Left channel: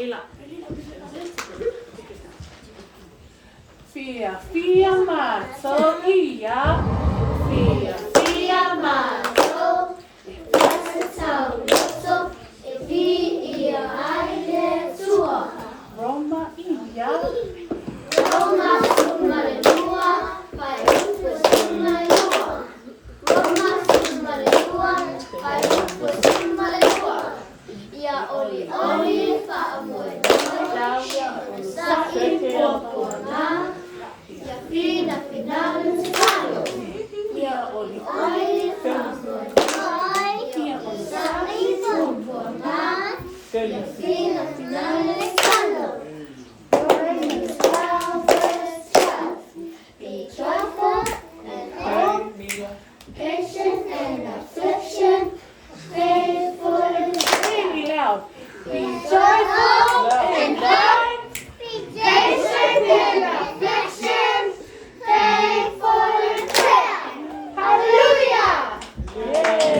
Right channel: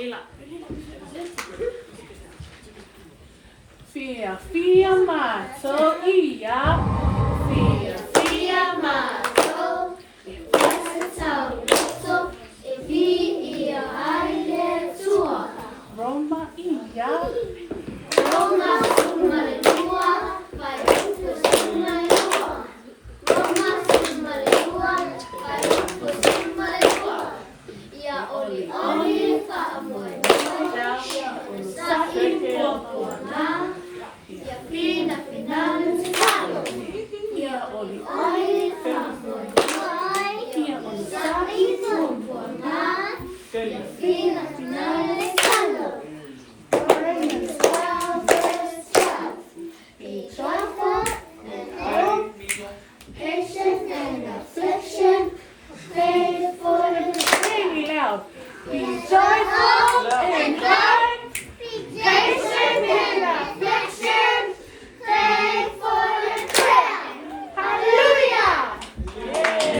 Fia mazzo ia. Fia mazzo. Roma ia. Roma sul mare tua, fai tutto sul mare tua. Roma sul mare tua, fai tutto sul mare tua. Ia olioli, faamoemoe, ia onosa'i, puapuaga, ia finafinau, tatalo. Ia olioli, faamoemoe, ia onosa'i, puapuaga, ia finafinau, tatalo. Patience and affliction, pray for the Really loud. Be joyful